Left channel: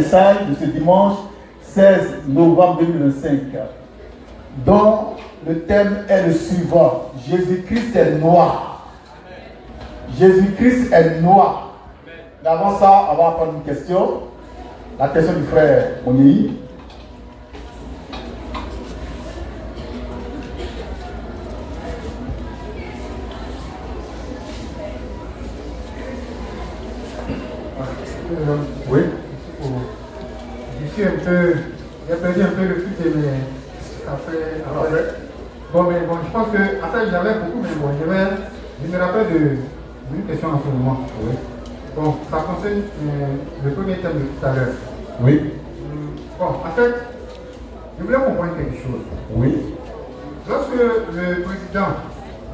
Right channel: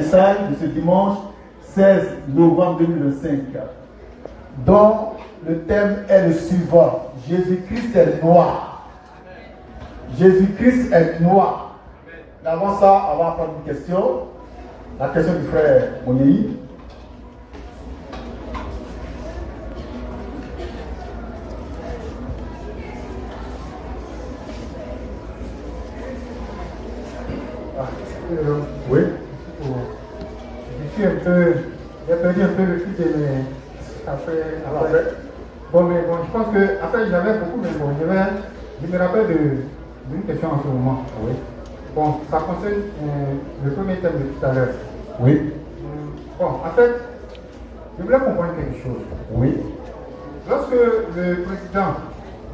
message de ce dimanche 16 novembre 2025, dont le thème est le suivant: Jésus-Christ est noir. Jésus-Christ est noir. Mais avant ça, on va prendre une question. La question du frère Moni. Oui. J'ai perdu un peu le fil de mes après. Bon, mais bon, je pense que, après, j'avais beaucoup, mais bon, je me rappelle d'une question en ce moment. Oui. Bon, ça concerne le premier thème de tout à l'heure. Oui. Bon, en fait, je voulais comprendre quelque chose. Oui. Lorsque le président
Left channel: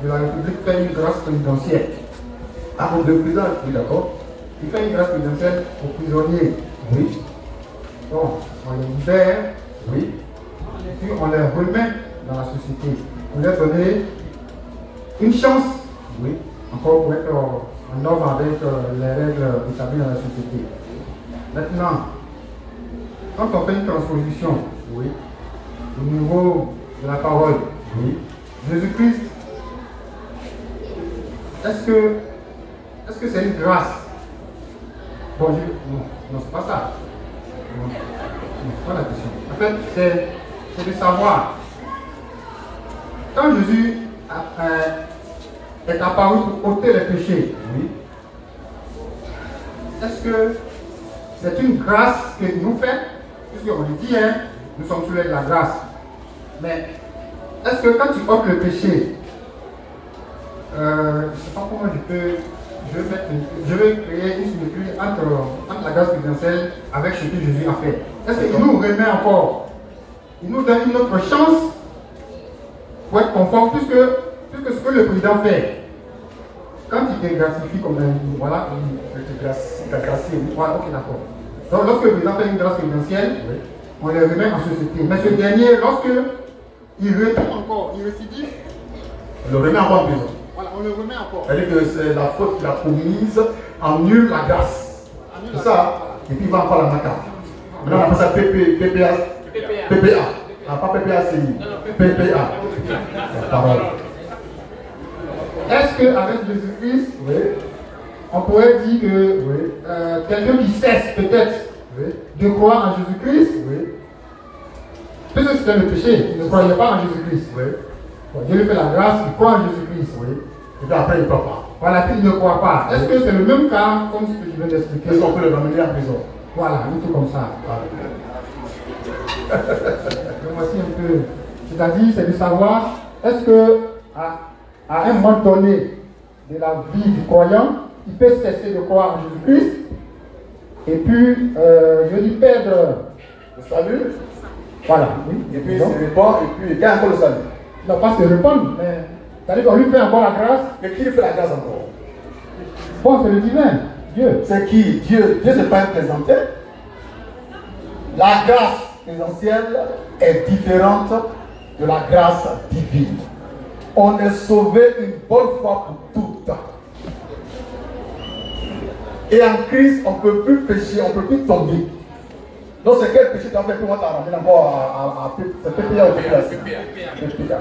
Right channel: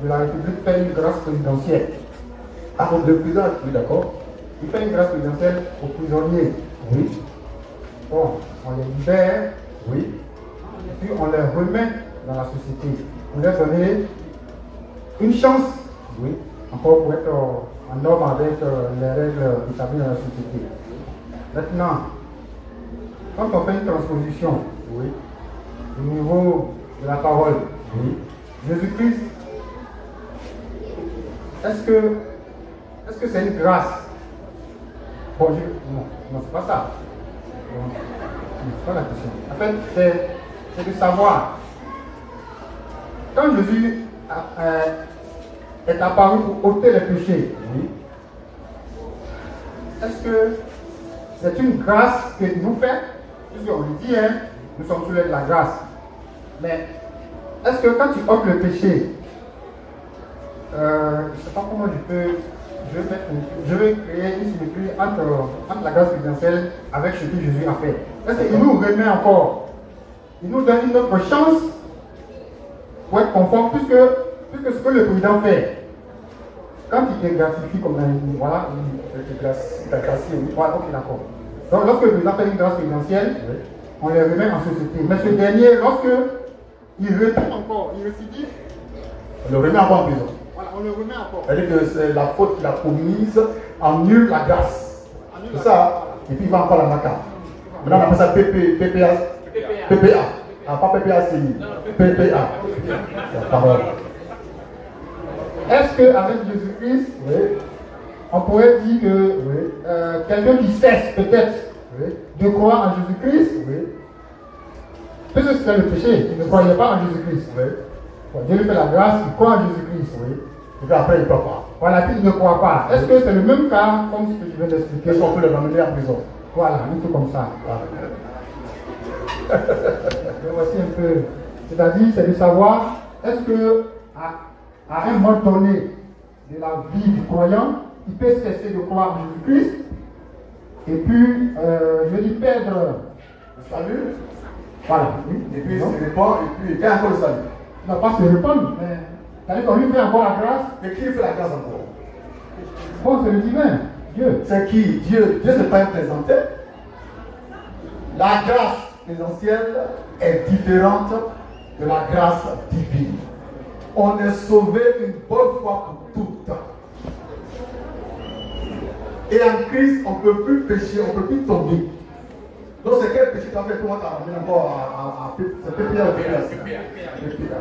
de la République fait une grâce présidentielle, Ah, pour le président, oui, d'accord. il fait une grâce présidentielle aux prisonniers. Oui. Bon, on les libère, Oui. et puis on les remet dans la société. On leur donner une chance, Oui. encore pour être en ordre avec les règles établies dans la société. Maintenant, quand on fait une transposition, Oui. au niveau de la parole, Oui. Jésus-Christ, est-ce que c'est une grâce? Bon, non, c'est pas ça. Non, c'est pas la question. En fait, c'est de savoir. Quand Jésus est apparu pour ôter les péchés, Oui. est-ce que c'est une grâce qu'il nous fait? Puisqu'on lui dit, hein, nous sommes sous l'aide de la grâce. Mais est-ce que quand tu ôtes le péché, je ne sais pas comment je vais créer une similitude entre la grâce présidentielle avec ce que Jésus a fait. Est-ce qu'il nous remet encore? Il nous donne une autre chance pour être conforme, puisque ce que le président fait, quand il te gratifie comme un. Voilà, il te gratifie, oui. Voilà, ok, d'accord. Donc, lorsque le président fait une grâce présidentielle, oui, on les remet en société. Mais ce dernier, lorsque il retourne encore, il récidive, On le remet encore en prison. voilà, on le remet encore. C'est-à-dire que c'est la faute qu'il a commise, annule la grâce. C'est ça. Voilà. Et puis il va encore la maca. Maintenant on appelle ça PPA. Ah, pas PPACI. PPA. La parole. Est-ce qu'avec Jésus-Christ, Oui. on pourrait dire que Oui. quelqu'un qui cesse peut-être Oui. de croire en Jésus-Christ, Oui. puisque c'était le péché, il ne croyait pas en Jésus-Christ. Oui. Bon, Dieu lui fait la grâce, il croit en Jésus-Christ. Oui. Et puis après il ne croit pas. Voilà, puis il ne croit pas. Est-ce que c'est le même cas comme ce que je viens d'expliquer? Est-ce qu'on peut le ramener en prison? Voilà, un tout comme ça. Donc voici un peu. C'est-à-dire, c'est de savoir, est-ce que à un moment donné de la vie du croyant, il peut cesser de croire en Jésus-Christ et puis, je dis perdre Le salut. Voilà, oui. Et puis il se répand. Et puis il y a encore le salut. Non, pas se répondre, mais c'est-à-dire qu'on lui fait encore la grâce. Mais qui lui fait la grâce encore? Bon, c'est le divin, Dieu. C'est qui? Dieu ne s'est pas présenté. La grâce présentielle est différente de la grâce divine. On est sauvé une bonne fois pour toutes. Et en Christ, on ne peut plus pécher, on ne peut plus tomber. Donc c'est quel péché tu as fait pour moi t'as ramené encore à c'est PPA ou PPA?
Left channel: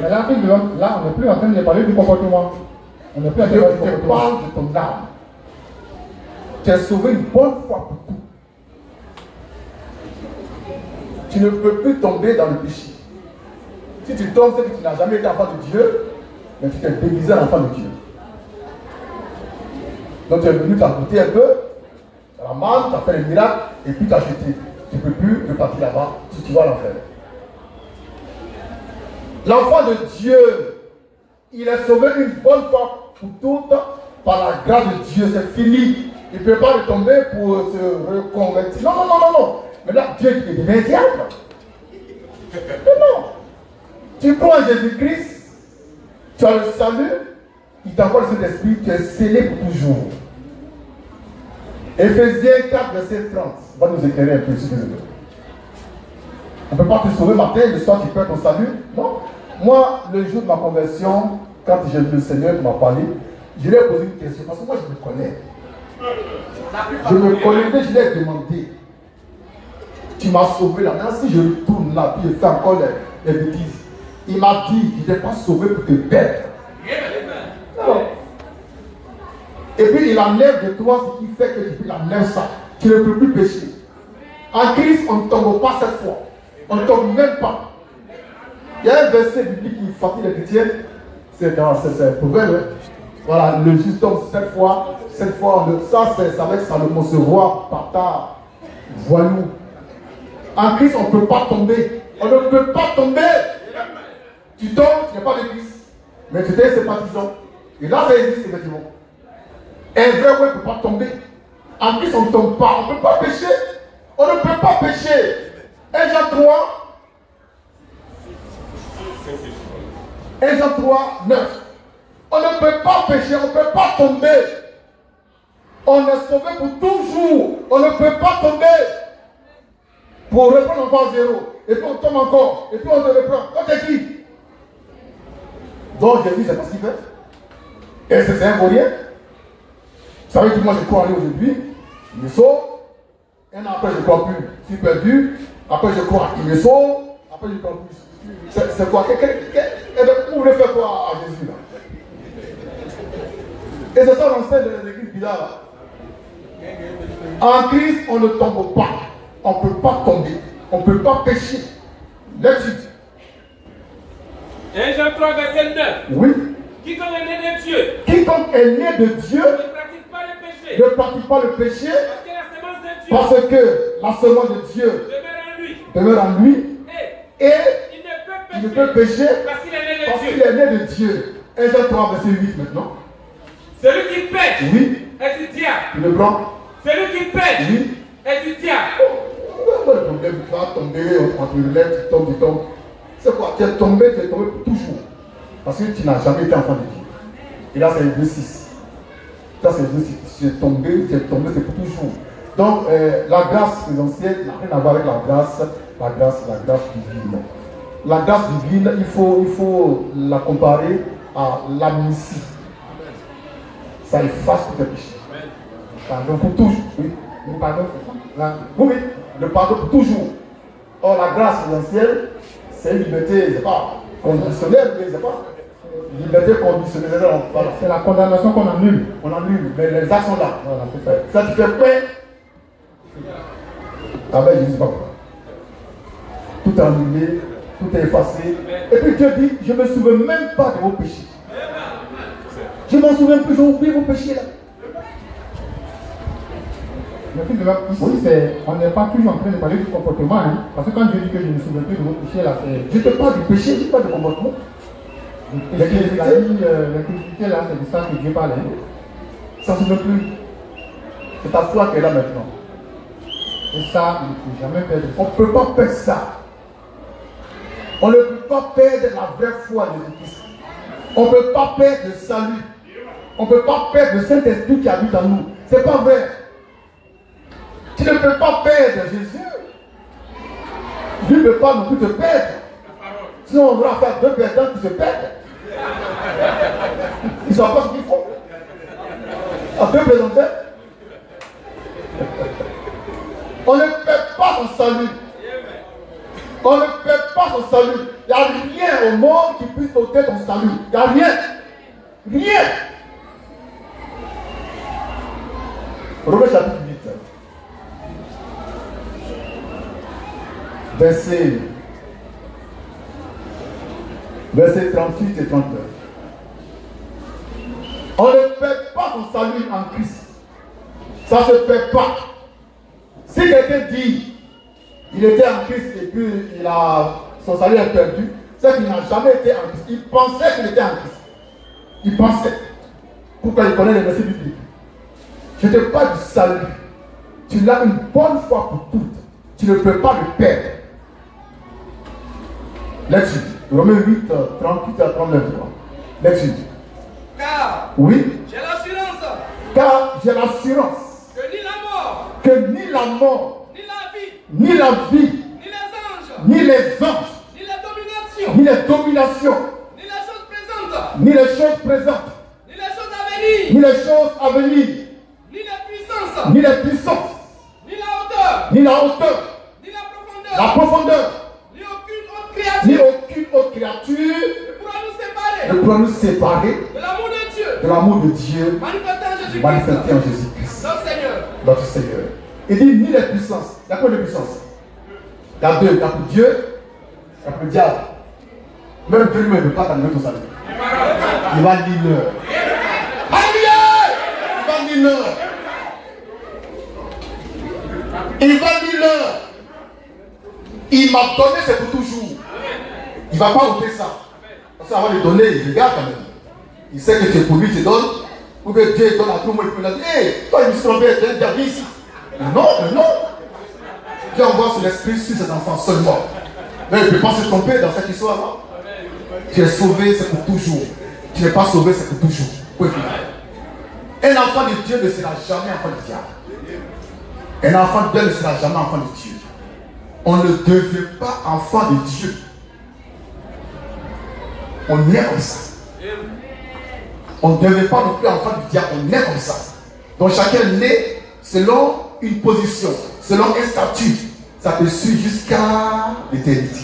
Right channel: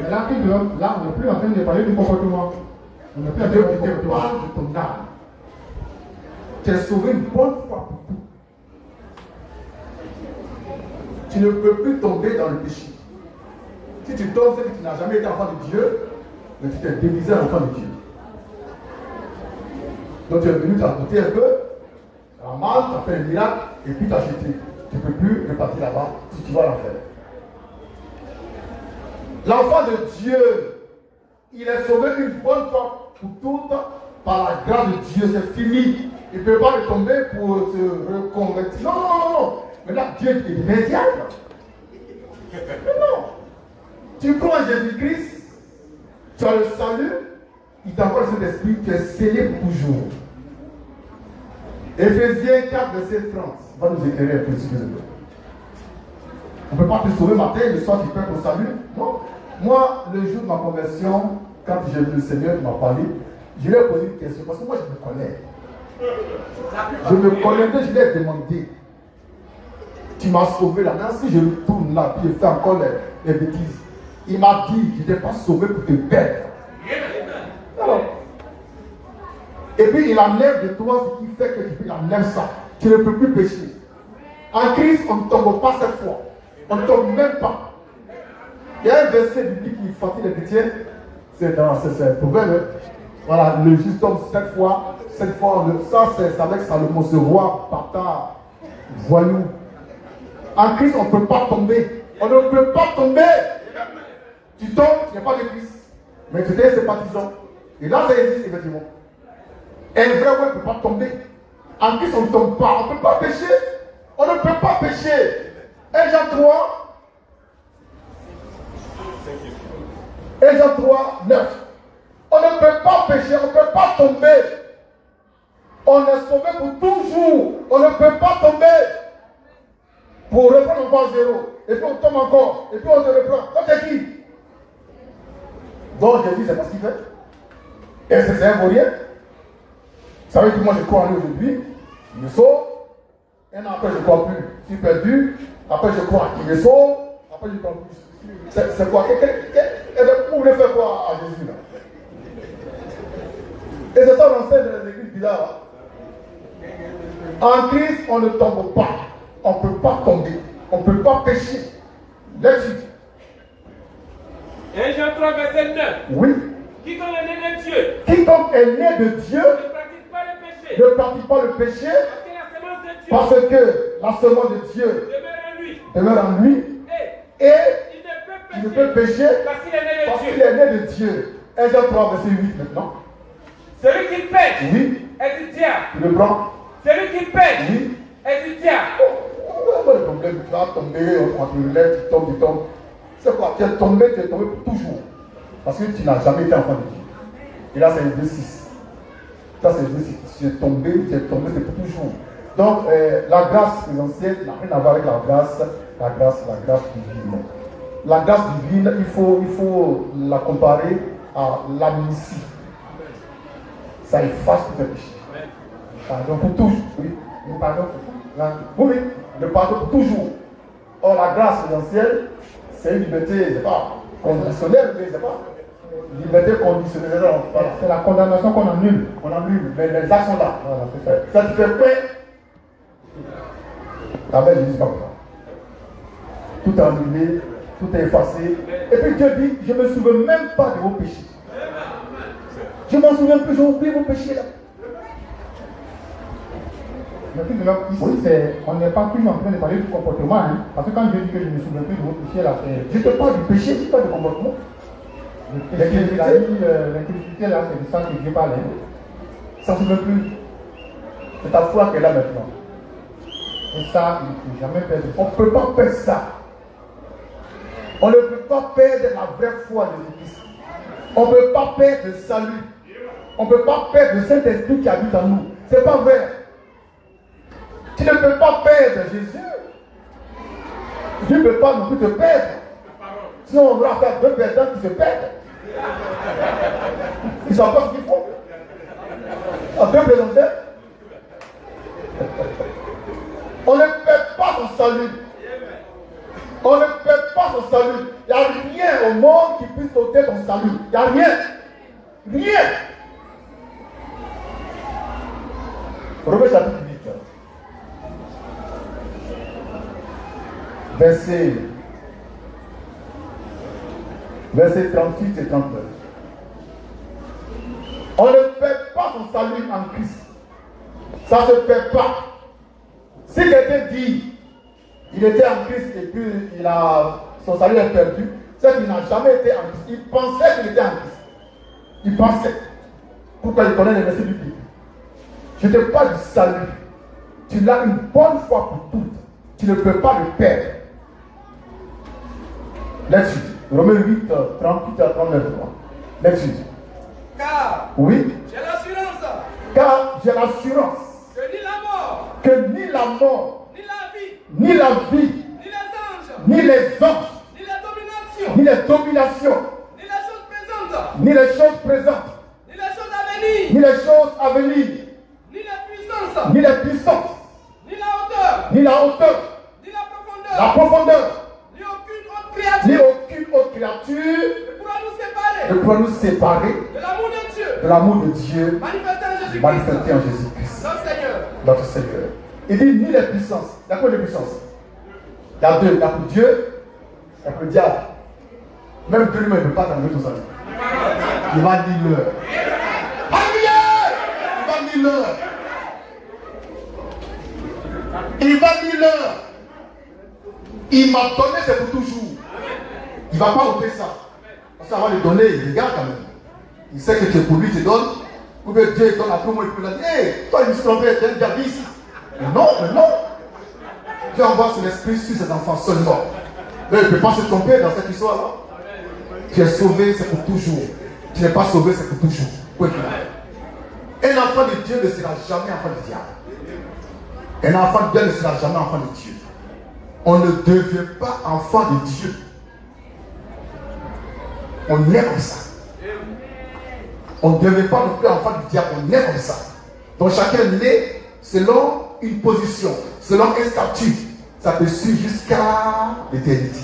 Mais là, on n'est plus en train de parler du comportement. On n'est plus en train de parler du Je te comportement. parle de ton âme. Tu es sauvé une bonne fois pour toutes. Tu ne peux plus tomber dans le péché. Si tu tombes, c'est que tu n'as jamais été enfant de Dieu, mais tu t'es déguisé en enfant de Dieu. Donc tu es venu t'agoûter un peu, tu as mal, tu as fait un miracle, et puis tu as jeté. Tu ne peux plus repartir là-bas si tu vas à l'enfer. L'enfant de Dieu, il est sauvé une bonne fois pour toutes par la grâce de Dieu. C'est fini. Il ne peut pas retomber pour se reconvertir. Non, non, non, non, non. Mais là, Dieu est devenu diable. Mais non. Tu crois en Jésus-Christ, tu as le salut, il t'envoie le Saint-Esprit, tu es scellé pour toujours. Éphésiens 4, verset 30 va nous éclairer un peu, s'il vous plaît. On ne peut pas te sauver matin, le soir tu perds ton salut. Non. Moi, le jour de ma conversion, quand j'ai vu le Seigneur qui m'a parlé, je lui ai posé une question, parce que moi je me connais. Je me connaissais, je lui ai demandé. Tu m'as sauvé là. Maintenant, si je retourne là, puis je fais encore les bêtises. Il m'a dit, je ne t'ai pas sauvé pour te perdre. Non. Et puis il enlève de toi ce qui fait que tu enlèves ça. Tu ne peux plus pécher. En Christ, on ne tombe pas cette fois. On ne tombe même pas. Il y a un verset biblique qui fatigue les chrétiens. C'est dans cette Proverbe. Voilà, le juste tombe 7 fois. 7 fois, ça c'est avec Salomon, se voit bâtard, voyou. En Christ, on ne peut pas tomber. On ne peut pas tomber. Tu tombes, tu n'es pas de Christ. Mais tu es sympathisant. Et là, ça existe effectivement. Un vrai ouais ne peut pas tomber. En Christ, on ne tombe pas. On ne peut pas pécher. On ne peut pas pécher. 1 Jean 3. 1 Jean 3, 9. On ne peut pas pécher. On ne peut pas tomber. On est sauvé pour toujours. On ne peut pas tomber. Pour reprendre encore zéro. Et puis on tombe encore. Et puis on te reprend. Toi, t'es qui? Donc Jésus, c'est pas ce qu'il fait. Et c'est un vaurien. Ça veut dire que moi je crois en lui aujourd'hui. Il me sauve. Un an après je ne crois plus. Je suis perdu. Après je crois. Il me sauve. Après je ne crois plus. C'est quoi? Vous voulez faire quoi à Jésus là? Et c'est ça l'enseigne de l'église bizarre. En Christ, on ne tombe pas. On ne peut pas tomber. On ne peut pas pécher. Là-dessus. 1 Jean 3, verset 9. Oui. Quiconque est né de Dieu. Quiconque est né de Dieu Ne pratique pas le péché. ne pratique pas le péché Parce que la semence de Dieu parce que la semence de Dieu demeure en lui. demeure en lui et Il il ne ne peut peut pécher parce qu'il est né de parce Dieu. qu'il est né de Dieu. 1 Jean 3, verset 8 maintenant. Celui qui pêche Oui. est du diable. Tu le prends? Celui qui pêche Oui. est du diable. Pas de problème, tu vas tomber entre les lettres, tu tombes. C'est quoi? Tu es tombé pour toujours. Parce que tu n'as jamais été enfant de Dieu. Et là, c'est le 6. Ça, c'est le 6. Tu es tombé, c'est pour toujours. Donc, la grâce présentielle n'a rien à voir avec la grâce divine. La grâce divine, il faut la comparer à l'amnistie. Ça efface tout le péché. Pardon pour toujours. Oui. Le pardon pour tout. Oui, le pardon pour toujours. Or, la grâce présentielle, c'est une liberté, c'est pas conditionnelle, c'est pas. Liberté conditionnelle, c'est la condamnation qu'on annule. On annule, mais les actes sont là. Voilà, ça tu fais quoi? Ah ben, je ne sais pas quoi. Tout est annulé, tout est effacé. Et puis Dieu dit, je ne me souviens même pas de vos péchés. Je m'en souviens plus, j'ai oublié vos péchés là. Ici, on n'est pas toujours en train de parler du comportement. Hein, parce que quand je dis que je ne me souviens plus de vos péchés, là, c'est. Je te parle du péché, je ne dis pas du comportement. L'incrédulité, là, c'est de ça que Dieu parle. Hein. Ça ne se souvient plus. C'est ta foi qui est là maintenant. Et ça, il ne faut jamais perdre. On ne peut pas perdre ça. On ne peut pas perdre la vraie foi de Jésus-Christ. On ne peut pas perdre le salut. On ne peut pas perdre le Saint-Esprit qui habite en nous. Ce n'est pas vrai. Tu ne peux pas perdre Jésus. Dieu ne peut pas non plus te perdre. Sinon, on va faire deux perdants qui se perdent. Ils ne savent pas ce qu'ils font. À deux présenteurs. On ne perd pas son salut. On ne perd pas son salut. Il n'y a rien au monde qui puisse ôter ton salut. Il n'y a rien. Rien. Romains chapitre 8. Versets 38 et 39. On ne perd pas son salut en Christ. Ça ne se perd pas. Si quelqu'un dit il était en Christ et puis son salut est perdu, c'est qu'il n'a jamais été en Christ. Il pensait qu'il était en Christ. Il pensait. Pourquoi il connaît les versets bibliques? Je te parle du salut. Tu l'as une bonne fois pour toutes. Tu ne peux pas le perdre. Là-dessus. Romains 8, 38 à 39. Là-dessus. Car oui. J'ai l'assurance. Car j'ai l'assurance. Que ni la mort. Ni la vie. Ni les anges. Ni les dominations. Ni les choses présentes. Ni les choses présentes. Ni les choses à venir. Ni les puissance, ni les puissances, ni la hauteur, ni la hauteur, ni la la profondeur, profondeur, ni aucune autre ni créature aucune autre créature ne pourra nous séparer ne pourra nous séparer de l'amour de Dieu, de l'amour de Dieu manifesté en Jésus-Christ, manifesté en Jésus-Christ, notre Seigneur. notre Seigneur. Il dit ni les puissances. Il y a combien de puissances? Il y a deux. Il y a pour Dieu, il y a pour le diable. Même Dieu lui-même ne veut pas t'amener tout ça. Il va dire l'heure. Alléluia! Il va dire l'heure. Il va dire l'heure. Il m'a donné, c'est pour toujours. Il ne va pas ôter ça. Parce qu'avant de donner, il regarde quand même. Il sait que tu es pour lui, tu donnes. Ou que Dieu donne à tout le monde. Il a dit, hé, toi, il me suis trompé, tu es déjà ici. Non, mais non. Dieu envoie son esprit sur ses enfants seulement. Mais il ne peut pas se tromper dans cette histoire-là. Tu es sauvé, c'est pour toujours. Tu n'es pas sauvé, c'est pour toujours. Oui. Un enfant de Dieu ne sera jamais enfant du diable. Un enfant de Dieu ne sera jamais enfant de Dieu. On ne devient pas enfant de Dieu. On est comme ça. On ne devient pas non plus enfant du diable. On est comme ça. Donc chacun est né selon une position, selon un statut. Ça te suit jusqu'à l'éternité.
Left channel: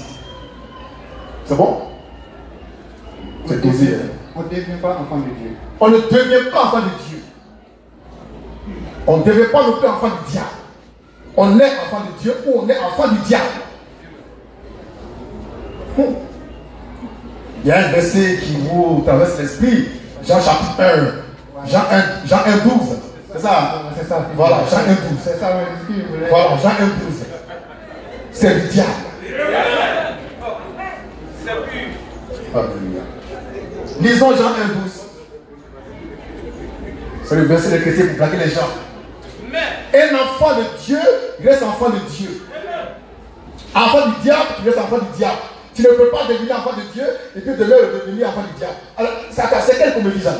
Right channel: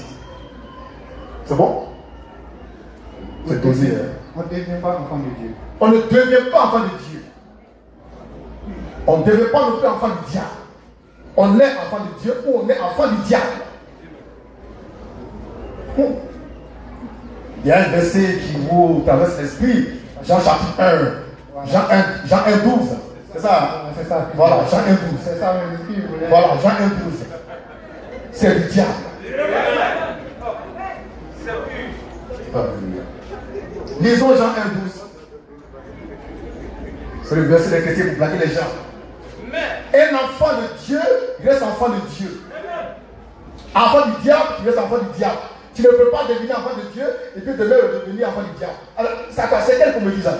C'est bon? C'est désir. On ne devient pas enfant de Dieu. On ne devient pas enfant de Dieu. On ne devient pas non plus enfant du diable. On est enfant de Dieu ou on est enfant du diable. Il y a un verset qui vous traverse l'esprit. Jean chapitre 1. Jean 1, 12. C'est ça? C'est ça. Voilà, Jean 1, 12. C'est ça, oui, ce qu'il voulait. Voilà, Jean 1, 12. C'est du diable. Alléluia. Lisons Jean 1, 12. C'est le verset des chrétiens pour plaquer les gens. Un enfant de Dieu reste enfant de Dieu. Enfant du diable, tu restes enfant du diable. Tu ne peux pas devenir enfant de Dieu et puis demain devenir enfant du diable. Alors, c'est quel qu'on me dit ça?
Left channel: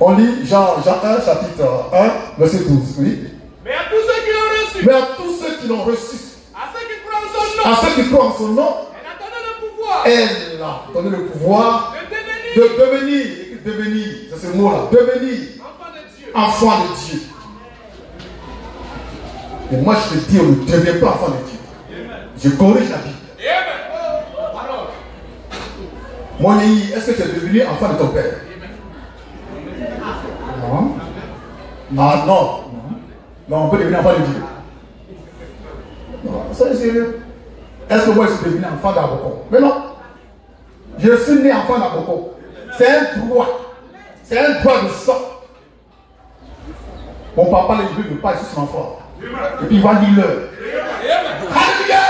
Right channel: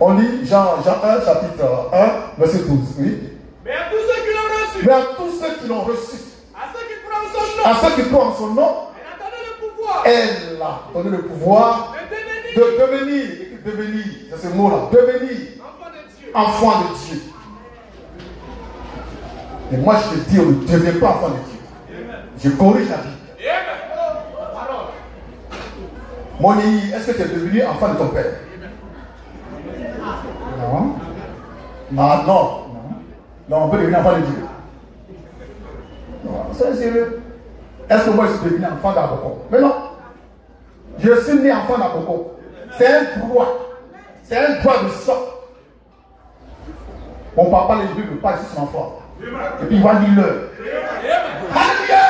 On lit Jean 1, chapitre 1, verset 12. Oui. Mais à tous ceux qui l'ont reçu, Mais à tous ceux qui l'ont reçu, à ceux qui croient en son nom, à ceux qui croient en son nom, elle a donné le pouvoir elle a donné le pouvoir de devenir, c'est ce mot-là, devenir enfant de Dieu. Et moi je te dis, on ne devient pas enfant de Dieu. Je corrige la Bible. Mon Yéhi, est-ce que tu es devenu enfant de ton père? Non. Ah non. Non, on peut devenir enfant de Dieu. Non, c'est sérieux. Est-ce que moi je suis devenu enfant d'Aboko? Mais non. Je suis né enfant d'Aboko. C'est un droit. C'est un droit de sang. Mon papa, il ne veut pas être son enfant. Et puis il va dire l'heure. Alléluia!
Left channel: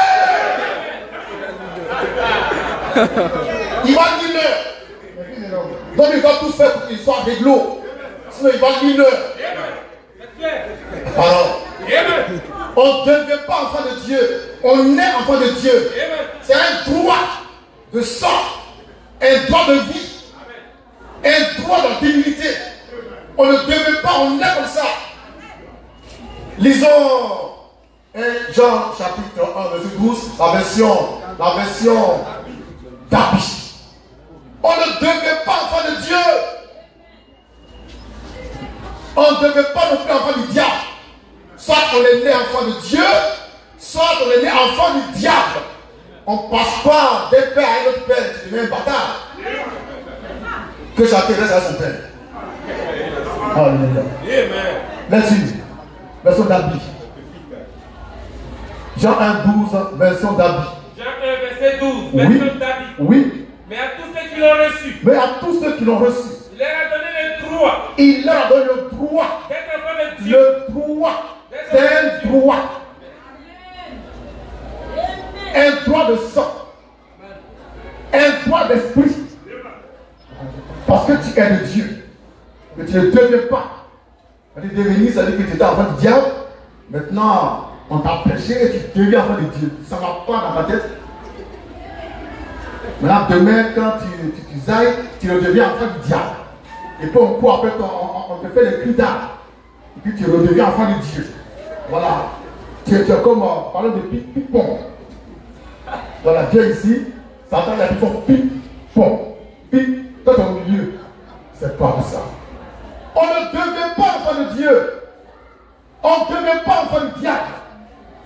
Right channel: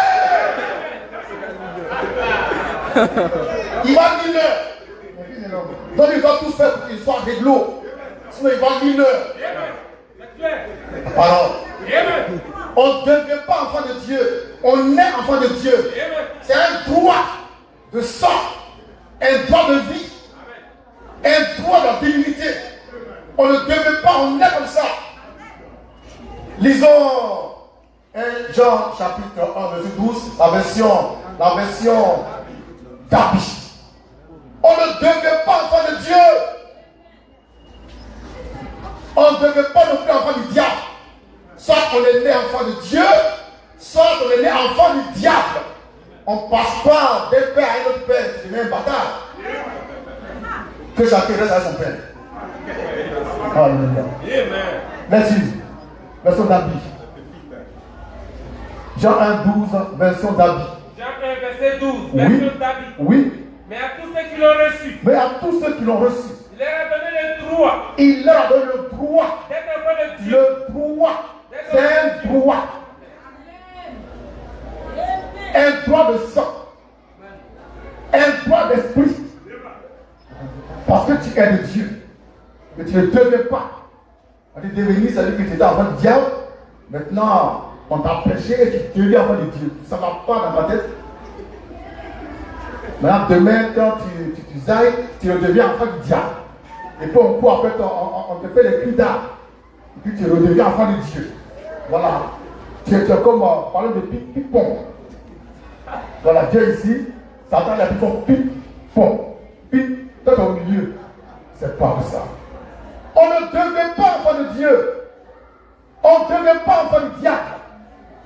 Il va dire l'heure. Donc il doit tout faire pour qu'il soit réglo. Sinon il va dire l'heure. Alors, on ne devient pas enfant de Dieu. On est enfant de Dieu. C'est un droit de sang, un droit de vie, un droit de dignité. On ne devient pas, on est comme ça. Lisons Jean chapitre 1, verset 12, la version d'Abi. On ne devient pas enfant de Dieu. On ne devient pas non plus enfant du diable. Soit on est né enfant de Dieu, soit on est né enfant du diable. On ne passe pas d'un père à un autre père, tu deviens un bâtard. Que chacun reste à son père. Alléluia. Là-dessus, version d'Abi. Jean 1, 12, version d'Abi. Jean 1, verset 12, version d'Abi. Oui. Mais à tous ceux qui l'ont reçu, mais à tous ceux qui l'ont reçu, il leur a donné le droit. Il leur a donné le droit. D'être enfant de Dieu. Le droit. C'est un droit. Un droit de sang. Un droit d'esprit. Parce que tu es de Dieu. Mais tu ne deviens pas. Tu devenir, ça veut dire que tu étais enfant du diable. Maintenant, on t'a prêché et tu deviens enfant de Dieu. Ça ne va pas dans ta tête. Maintenant, demain, quand tu ailles, tu redeviens enfant du diable. Et puis on court après, on te fait les cris d'âme. Et puis tu redeviens enfant de Dieu. Voilà. Tu es comme, parlons de ping-pong. Voilà, Dieu ici, Satan a dit ping-pong. Ping, toi au milieu. C'est pas ça. On ne devait pas enfant de Dieu. On ne devient pas enfant du diable.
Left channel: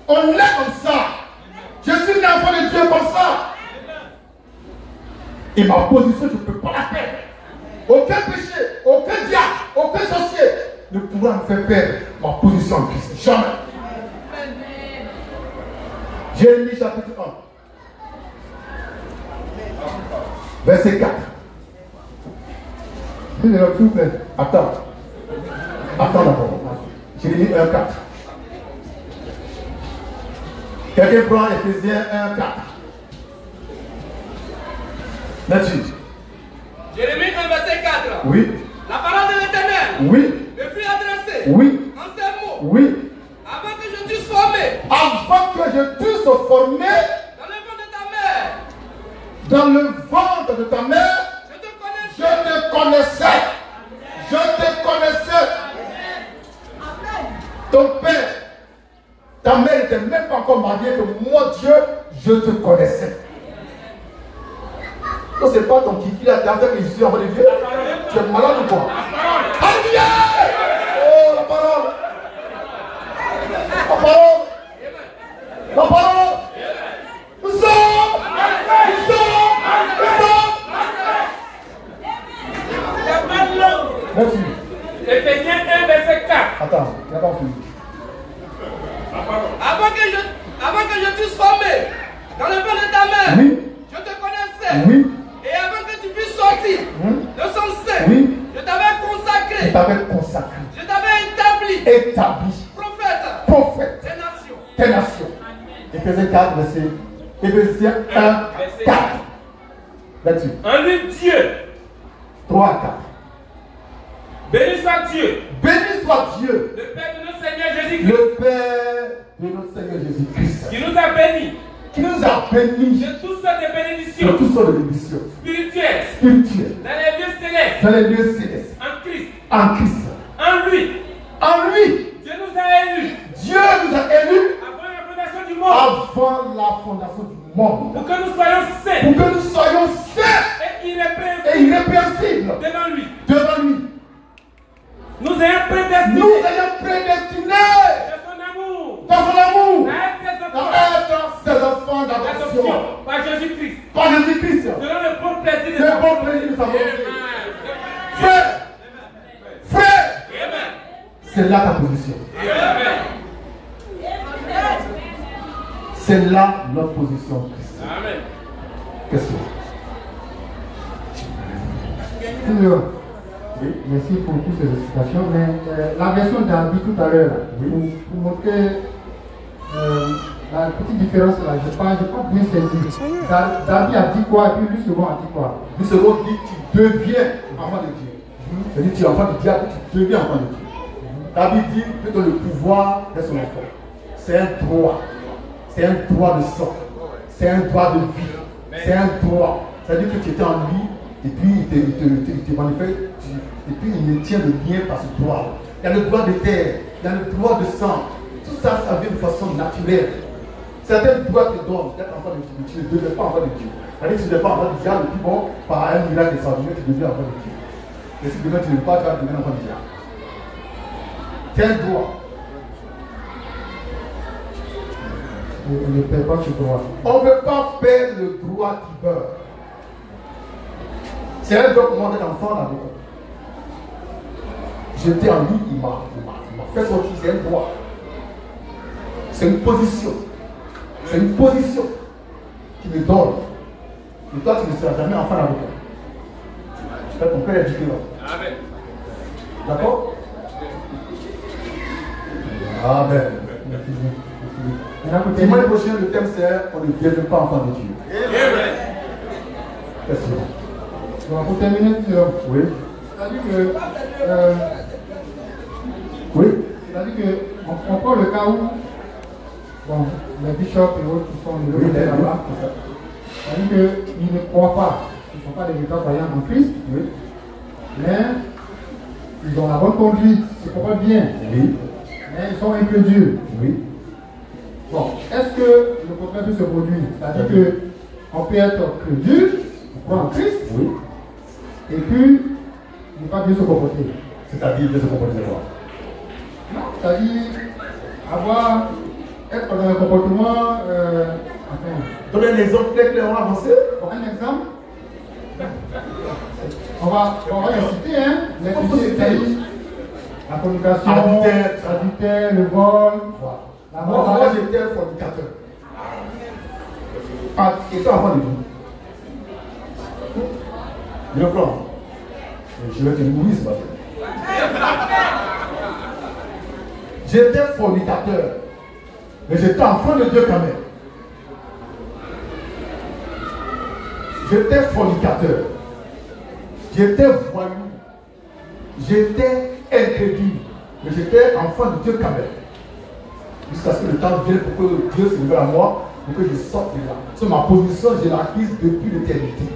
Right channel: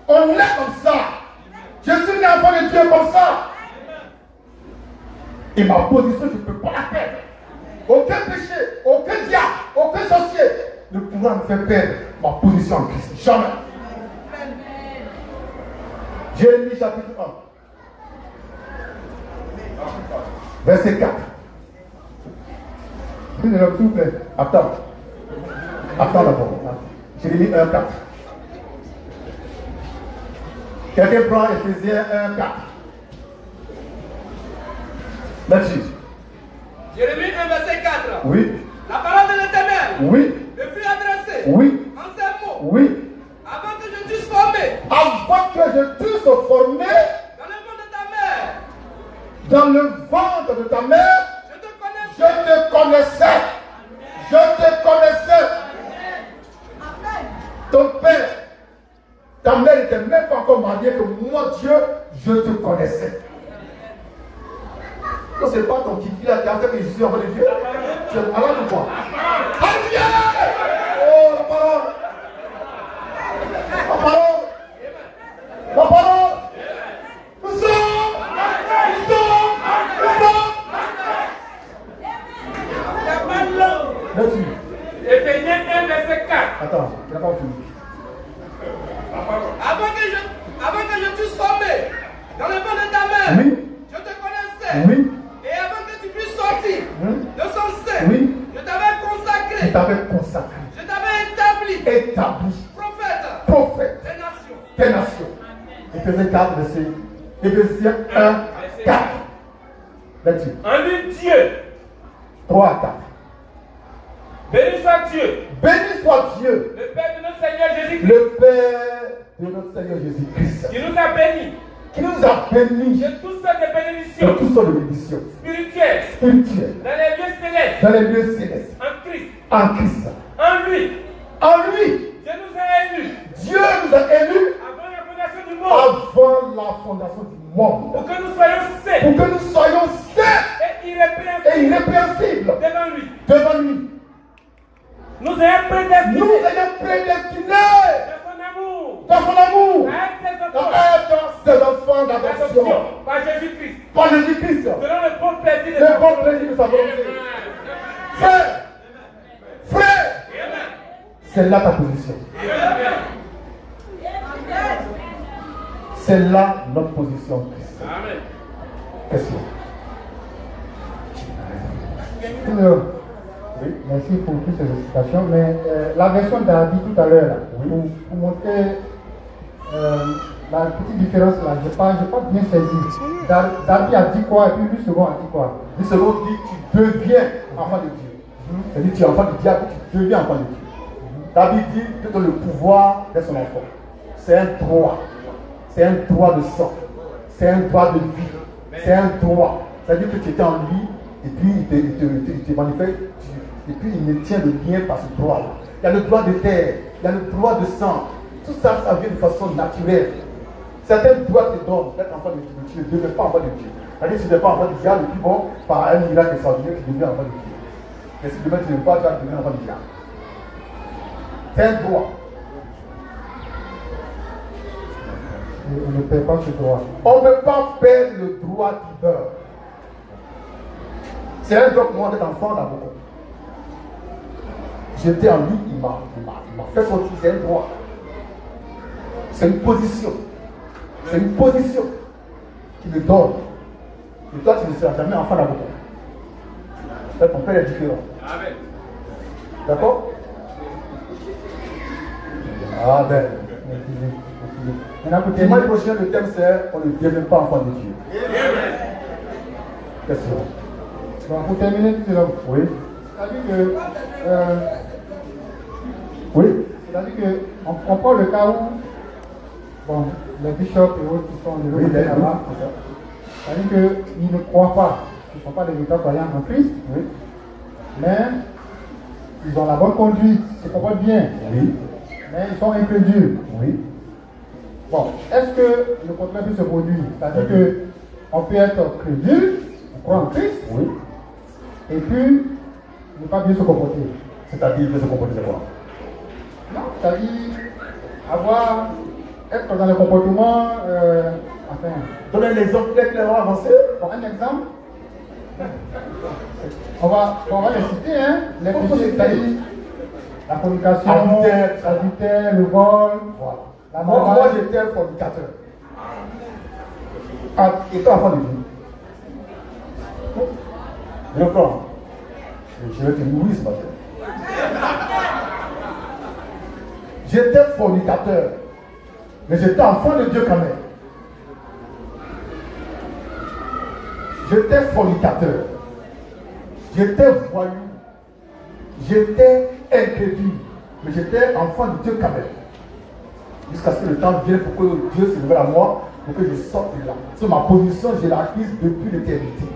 On l'est comme ça. Je suis né enfant de Dieu comme ça. Et ma position, je ne peux pas la perdre. Aucun péché, aucun diable, aucun sorcier ne pourra me faire perdre ma position en Christ. Jamais. Jérémie chapitre 1. Verset 4. S'il vous plaît. Attends. Attends d'abord. Jérémie 1, 4. Quelqu'un prend Éphésiens 1, 4. Là-dessus. Jérémie 1, verset 4. Oui. La parole de l'Éternel Oui. me fut adressée Oui. en ces mots. Oui. Avant que je t'eusse formé Avant que je t'eusse formé dans le ventre de ta mère, dans le ventre de ta mère, je te connaissais. je te connaissais. Ton père, ta mère n'était même pas encore mariée que moi, Dieu, je te connaissais. Non, c'est pas ton kiki là qui a fait que je suis enfant de Dieu. Tu es malade ou quoi? Alléluia! Oh, la parole! La parole! La parole! Nous sommes! Merci. Éphésiens 1, verset 4. Attends, on n'a pas fini. Avant que je t'eusse formé dans le ventre de ta mère, Oui. je te connaissais. Oui. Et avant que tu puisses sortir de son sein, Oui. je t'avais consacré. Il t'avait consacré. Je t'avais établi. Prophète. Prophète. Des nations. Des nations. Éphésiens 4, verset. Éphésiens 1, 4. Là-dessus. En lui, Dieu. 3 à 4. Béni soit Dieu. Béni soit Dieu, Le Père de notre Seigneur Jésus-Christ. le Père de notre Seigneur Jésus-Christ, Qui nous a bénis qui nous a bénis de toutes sortes de de bénédictions toutes sortes de bénédictions spirituelles spirituelles dans les lieux célestes dans les lieux célestes en Christ. en Christ. En lui, En lui, Dieu nous a élus Dieu nous a élus avant la fondation du monde avant la fondation du monde pour que nous soyons saints pour que nous soyons saints et et irrépréhensibles irrépréhensibles devant lui. devant lui. Nous ayons prédestinés Nous ayons prédestinés de son amour dans son amour à être ses à enfants être ses enfants d'adoption d'adoption par Jésus-Christ par Jésus-Christ. selon le bon plaisir de Le sa bon volonté. plaisir de sa volonté. Amen. Frère, Amen. c'est là ta position. Amen. C'est là notre position en Christ. Amen. Question. Seigneur, Oui. merci pour toutes ces explications. Mais la version d'Arby tout à l'heure, là, Oui. pour montrer la petite différence là, je n'ai pas bien saisi. Darby a dit quoi et puis lui second a dit quoi? Le second dit tu deviens enfant de Dieu. C'est-à-dire tu es enfant du diable, tu deviens enfant de Dieu. David dit que tu as le pouvoir d'être son enfant. C'est un droit. C'est un droit de sang. C'est un droit de vie. C'est un droit. C'est-à-dire que tu étais en lui et puis il te manifeste et puis il me tient le lien par ce droit. Il y a le droit de terre, il y a le droit de sang. Tout ça, ça vient de façon naturelle. Certains droits te donnent d'être enfant de Dieu. Tu ne deviens pas enfant de Dieu. C'est-à-dire que tu n'es pas enfant du diable et puis bon, par un miracle extraordinaire, tu deviens enfant de Dieu. Mais si demain tu n'es pas, tu vas devenir enfant du diable. C'est un droit. Je ne perds pas ce droit. On ne peut pas perdre le droit divin. C'est un droit pour moi d'être enfant d'abord. J'étais en lui, il m'a fait sortir, c'est un droit. C'est une position. C'est une position qui me donne. Et toi, tu ne seras jamais enfant d'abord. Ton père est différent. Amen. D'accord? Amen. Maintenant, Dimanche prochain, le thème c'est on ne devient pas enfant de Dieu. Amen. Question. bon, pour terminer, Oui. c'est-à-dire que Oui. c'est-à-dire qu'on prend le cas où bon, les bishops et autres qui sont Oui, élevés là-bas, c'est-à-dire qu'ils ne croient pas, ils ne sont pas des véritables croyants en Christ, Oui. mais ils ont la bonne conduite, ils se comportent bien, Oui. mais ils sont incrédules. Oui. Bon, est-ce que le contraire peut se produire? C'est-à-dire qu'on peut être crédule, on croit en Christ, Oui. et puis ne pas bien se comporter. C'est-à-dire de se comporter quoi? Non, c'est-à-dire être dans le comportement. Donnez un exemple clairement avancé. Pour un exemple, on va les citer, hein, les péchés caïds, la communication, l'adultère, le vol, la mort. Moi, j'étais un fornicateur. Et toi, avant de dire, je prends. Je vais te mourir ce matin. J'étais fornicateur. Mais j'étais enfant de Dieu quand même. J'étais fornicateur. J'étais voyou. J'étais incrédule. Mais j'étais enfant de Dieu quand même. Jusqu'à ce que le temps vienne pour que Dieu se révèle à moi, pour que je sorte de là. Sur ma position, j'ai la acquise depuis l'éternité.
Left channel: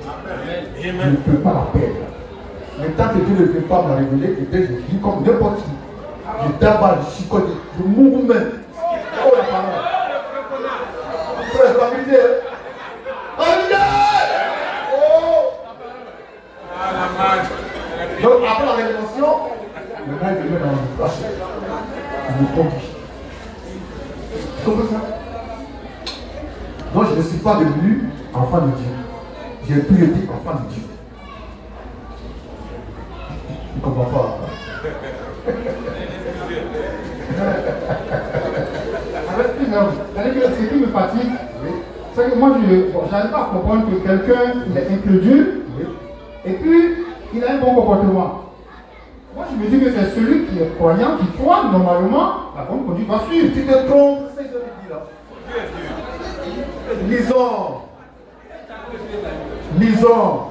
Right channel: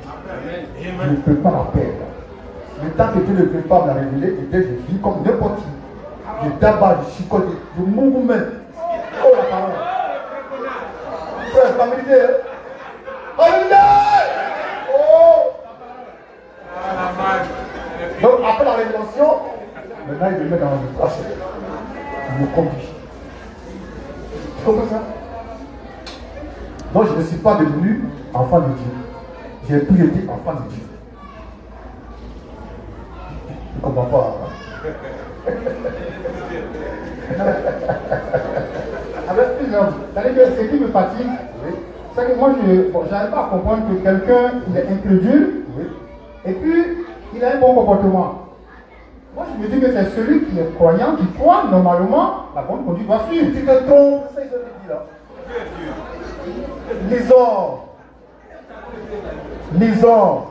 Je ne peux pas la perdre. Mais tant que Dieu ne veut pas me la révéler, je vis comme n'importe qui. Je d'abord, je chicote, je mourre même. Oh la parole. C'est la vérité. Alléluia. Oh. Donc après la révélation, maintenant il me met dans mon poche. Il me conduit. Tu comprends ça? Donc je ne suis pas devenu enfant de Dieu. J'ai plus été enfant de Dieu. Tu ne comprends pas? Avec une homme, ce qui me fatigue, c'est que moi je n'arrive pas à comprendre que quelqu'un est incrédule et puis il a un bon comportement. Moi je me dis que c'est celui qui est croyant, qui croit normalement, la bonne conduite doit suivre. Tu te trompes, c'est ce que je dis là. Lisons.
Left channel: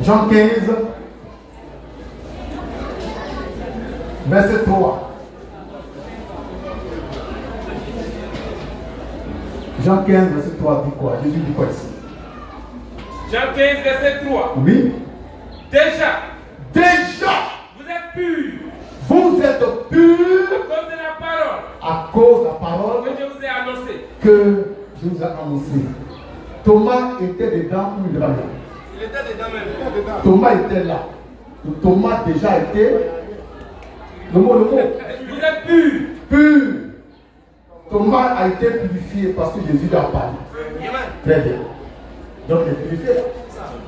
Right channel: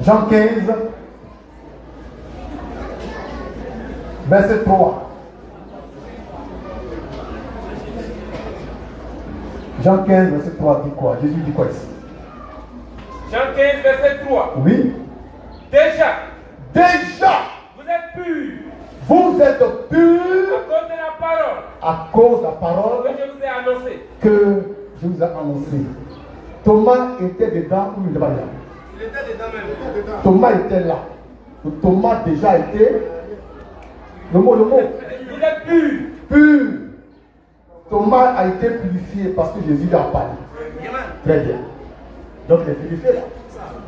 Jean 15, verset 3. Jean 15, verset 3 dit quoi? Jésus dit quoi ici? Jean 15, verset 3. Oui. Déjà, vous êtes purs. Vous êtes purs À cause de la parole. À cause de la parole que je vous ai annoncée. Que je vous ai annoncée. Thomas était dedans ou il était là? Il était dedans même. Thomas était là. Thomas déjà était. Le mot. Vous êtes purs. Pur. Thomas a été purifié parce que Jésus lui a parlé. Très bien. Donc il est purifié.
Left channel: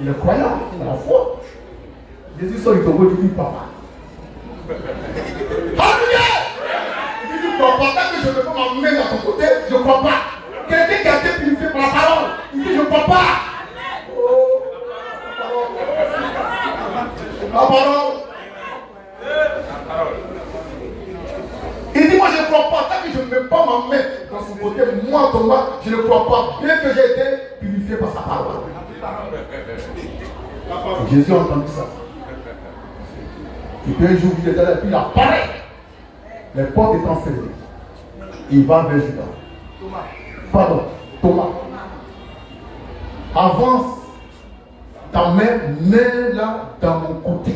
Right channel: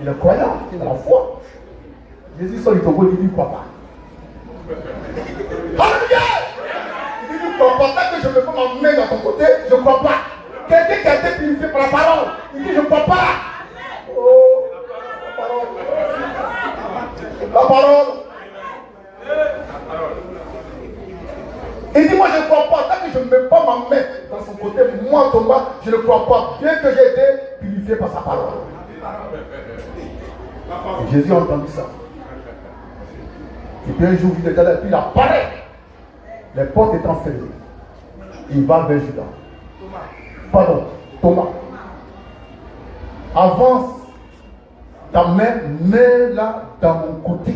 Il est croyant, il a la foi. Jésus sort du tombeau, il dit papa. Alléluia! Il dit tu crois pas, tant que je ne peux pas m'emmener dans ton côté, je ne crois pas. Quelqu'un qui a été purifié par la parole, il dit je ne crois pas. Oh, la parole. Il dit moi je ne crois pas, tant que je ne peux pas m'emmener dans son côté, moi Thomas, je ne crois pas, bien que j'ai été purifié par sa parole. Jésus a entendu ça. Et puis un jour, il était là, puis il apparaît. Les portes étant fermées. Il va vers Judas. Thomas. Avance ta main, mets-la dans mon côté.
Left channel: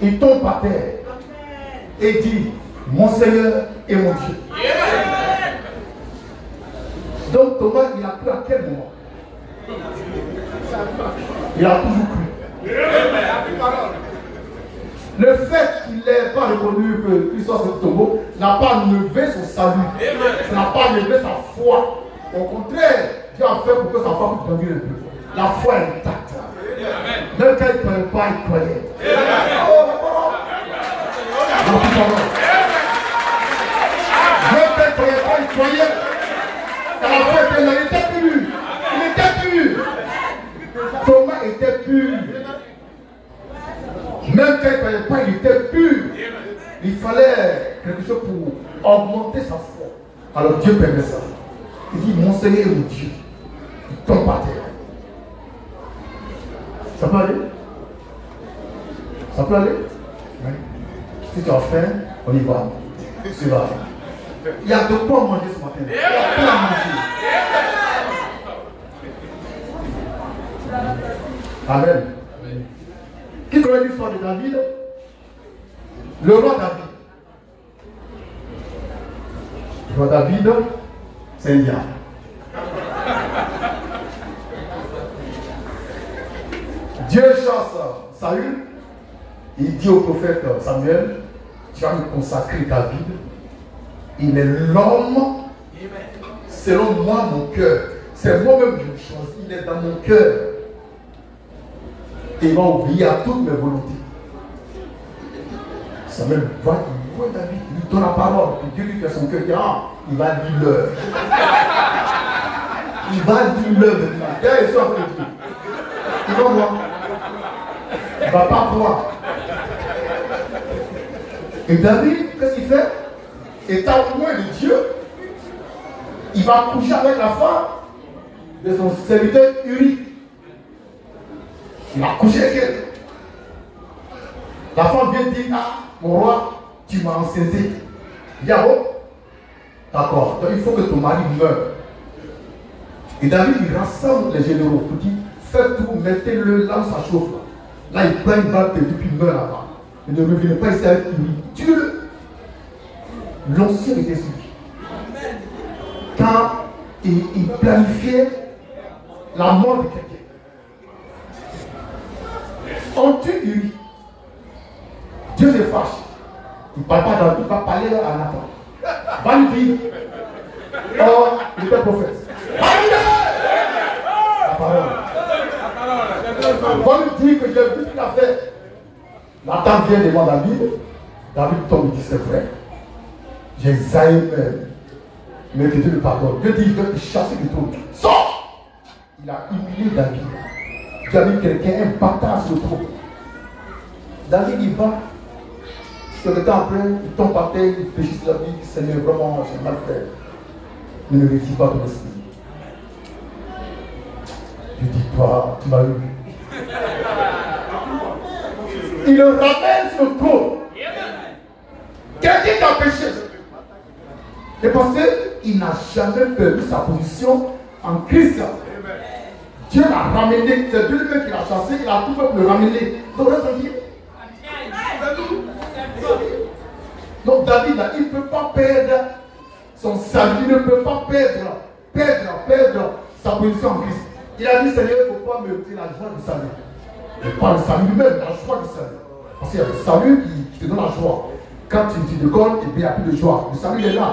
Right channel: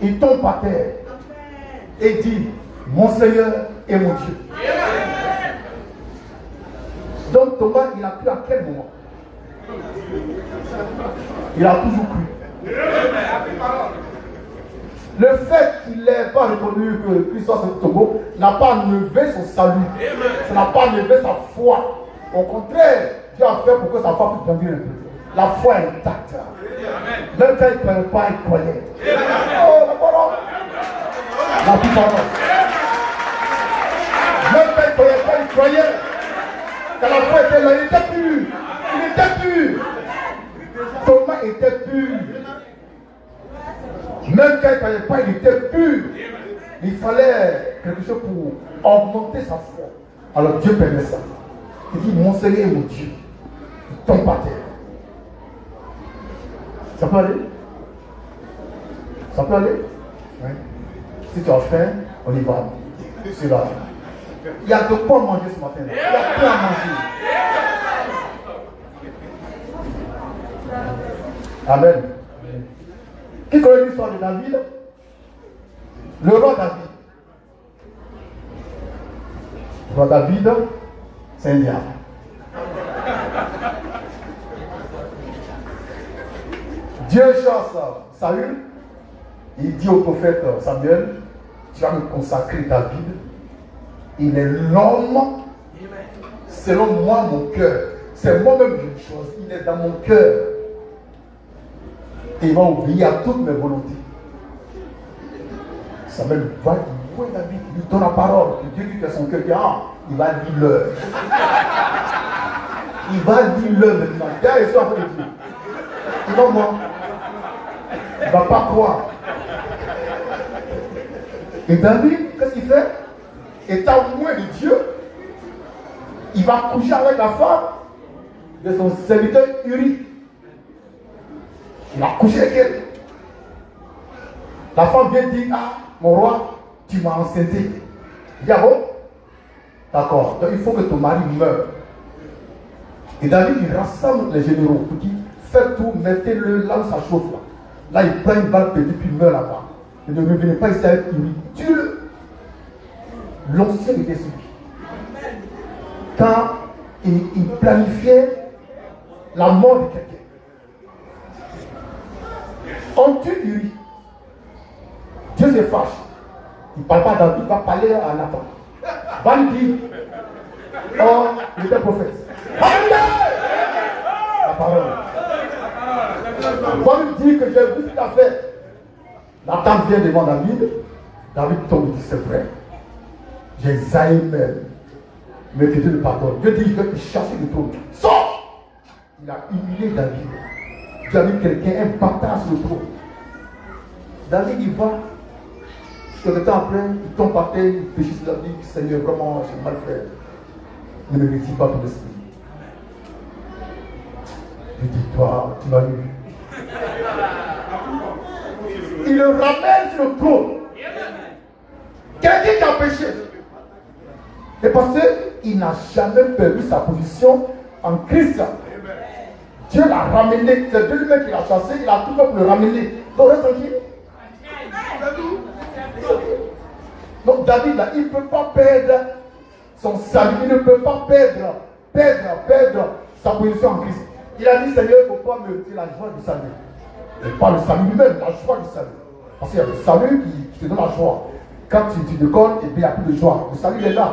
Il tombe par terre et dit, mon Seigneur et mon Dieu. Donc Thomas, il a cru à quel moment? Il a toujours cru. Le fait qu'il n'ait pas reconnu que Christ soit ce tombeau n'a pas enlevé son salut. Ça n'a pas enlevé sa foi. Au contraire, Dieu a fait pour que sa foi puisse grandir un peu. La foi est intacte. Même quand il ne croyait pas, il croyait. Même quand il ne croyait pas, il croyait. Car la foi était là, il était pur. Il était pur. Thomas était pur. Même quand il ne croyait pas, il était pur. Il fallait quelque chose pour augmenter sa foi. Alors Dieu permet ça. Il dit, mon Seigneur et mon Dieu. Il tombe par terre. Ça peut aller? Ça peut aller? Oui. Si tu as faim, on y va. C'est là. Il y a de quoi manger ce matin. Il y a de quoi manger. Amen. Qui connaît l'histoire de David? Le roi David. Le roi David, c'est un diable. Dieu chasse Saül. Il dit au prophète Samuel, tu vas me consacrer David. Il est l'homme selon moi, mon cœur. C'est moi-même que je choisis. Il est dans mon cœur. Et il va oublier à toutes mes volontés. Samuel va dire, David, il lui donne la parole. Et Dieu lui fait son cœur. Il dit, ah, il va dire l'heure. Il va dire l'heure maintenant. Derrière, il sort de Dieu. Il va voir. Il ne va pas croire. Et David, qu'est-ce qu'il fait? Étant loin de Dieu, il va coucher avec la femme de son serviteur Uri. Il va coucher avec elle. La femme vient dire, ah, mon roi, tu m'as enceinté. Il dit, ah bon? D'accord, donc il faut que ton mari meure. Et David, il rassemble les généraux pour dire, faites tout, mettez-le là où ça chauffe. Là, il prend une balle perdue, puis il meurt là-bas. Et ne revenez pas ici avec lui. Dieu, l'ancien était sur lui. Quand il planifiait la mort de quelqu'un. On tue lui. Dieu se fâche. Il ne parle pas dans il va parler à Nathan. Va lui dire. Oh, il était prophète. Va lui dire que j'ai vu ce qu'il a fait. Nathan vient devant David. David tombe et dit, c'est vrai. J'ai zaï même. Mais que Dieu le pardonne. Dieu dit qu'il chasse le trône. Sors! Il a humilié David. Dieu a mis quelqu'un, un bâtard sur le trône. David, il va. Peu de temps après, il tombe par terre, il péchit sur la vie. Seigneur, vraiment, j'ai mal fait. Ne le récite pas ton esprit. Dieu dit, toi, tu m'as eu. Il le ramène sur le trône. Quelqu'un qui a péché. Et parce qu'il n'a jamais perdu sa position en Christ. Dieu l'a ramené. C'est Dieu lui-même qui l'a chassé. Il a tout fait pour le ramener. Donc David, là, il ne peut pas perdre son salut. Il ne peut pas perdre sa position en Christ. Il a dit, Seigneur, il ne faut pas me dire la joie du salut. Et pas le salut lui-même, la joie du salut. Parce qu'il y a le salut qui te donne la joie. Quand tu déconnes, et bien, il n'y a plus de joie. Le salut est là.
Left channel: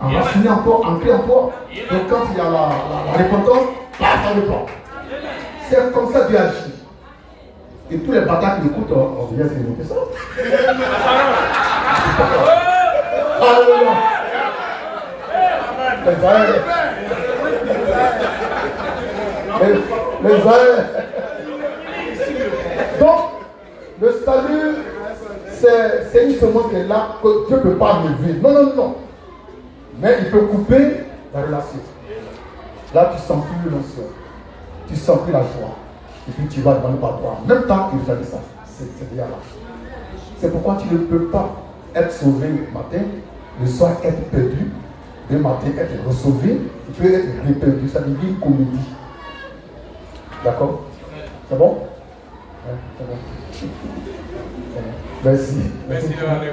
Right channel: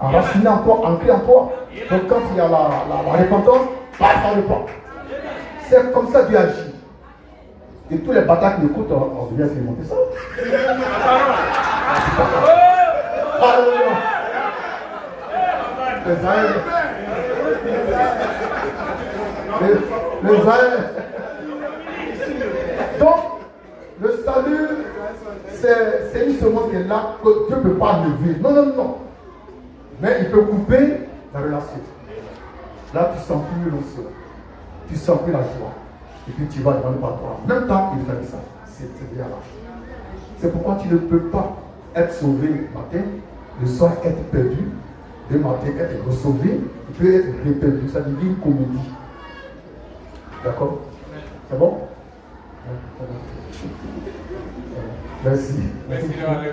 Enraciné en toi, ancré en toi. Donc quand il y a la repentance, ça repent. C'est comme ça Dieu agit. Et tous les bâtards qui écoutent, on se dit, c'est monté ça. Donc, le salut, c'est une semence qui est là que Dieu ne peut pas lever. Non. Mais il peut couper la relation. Là, tu sens plus l'émotion. Tu sens plus la joie. Et puis tu vas dans le pardon. En même temps, il fait ça. C'est bien là. C'est pourquoi tu ne peux pas être sauvé le matin, le soir être perdu, le matin être sauvé, tu peux être réperdu. Ça devient une comédie. D'accord? C'est bon? Ouais, c'est bon. Merci. Merci de l'aller,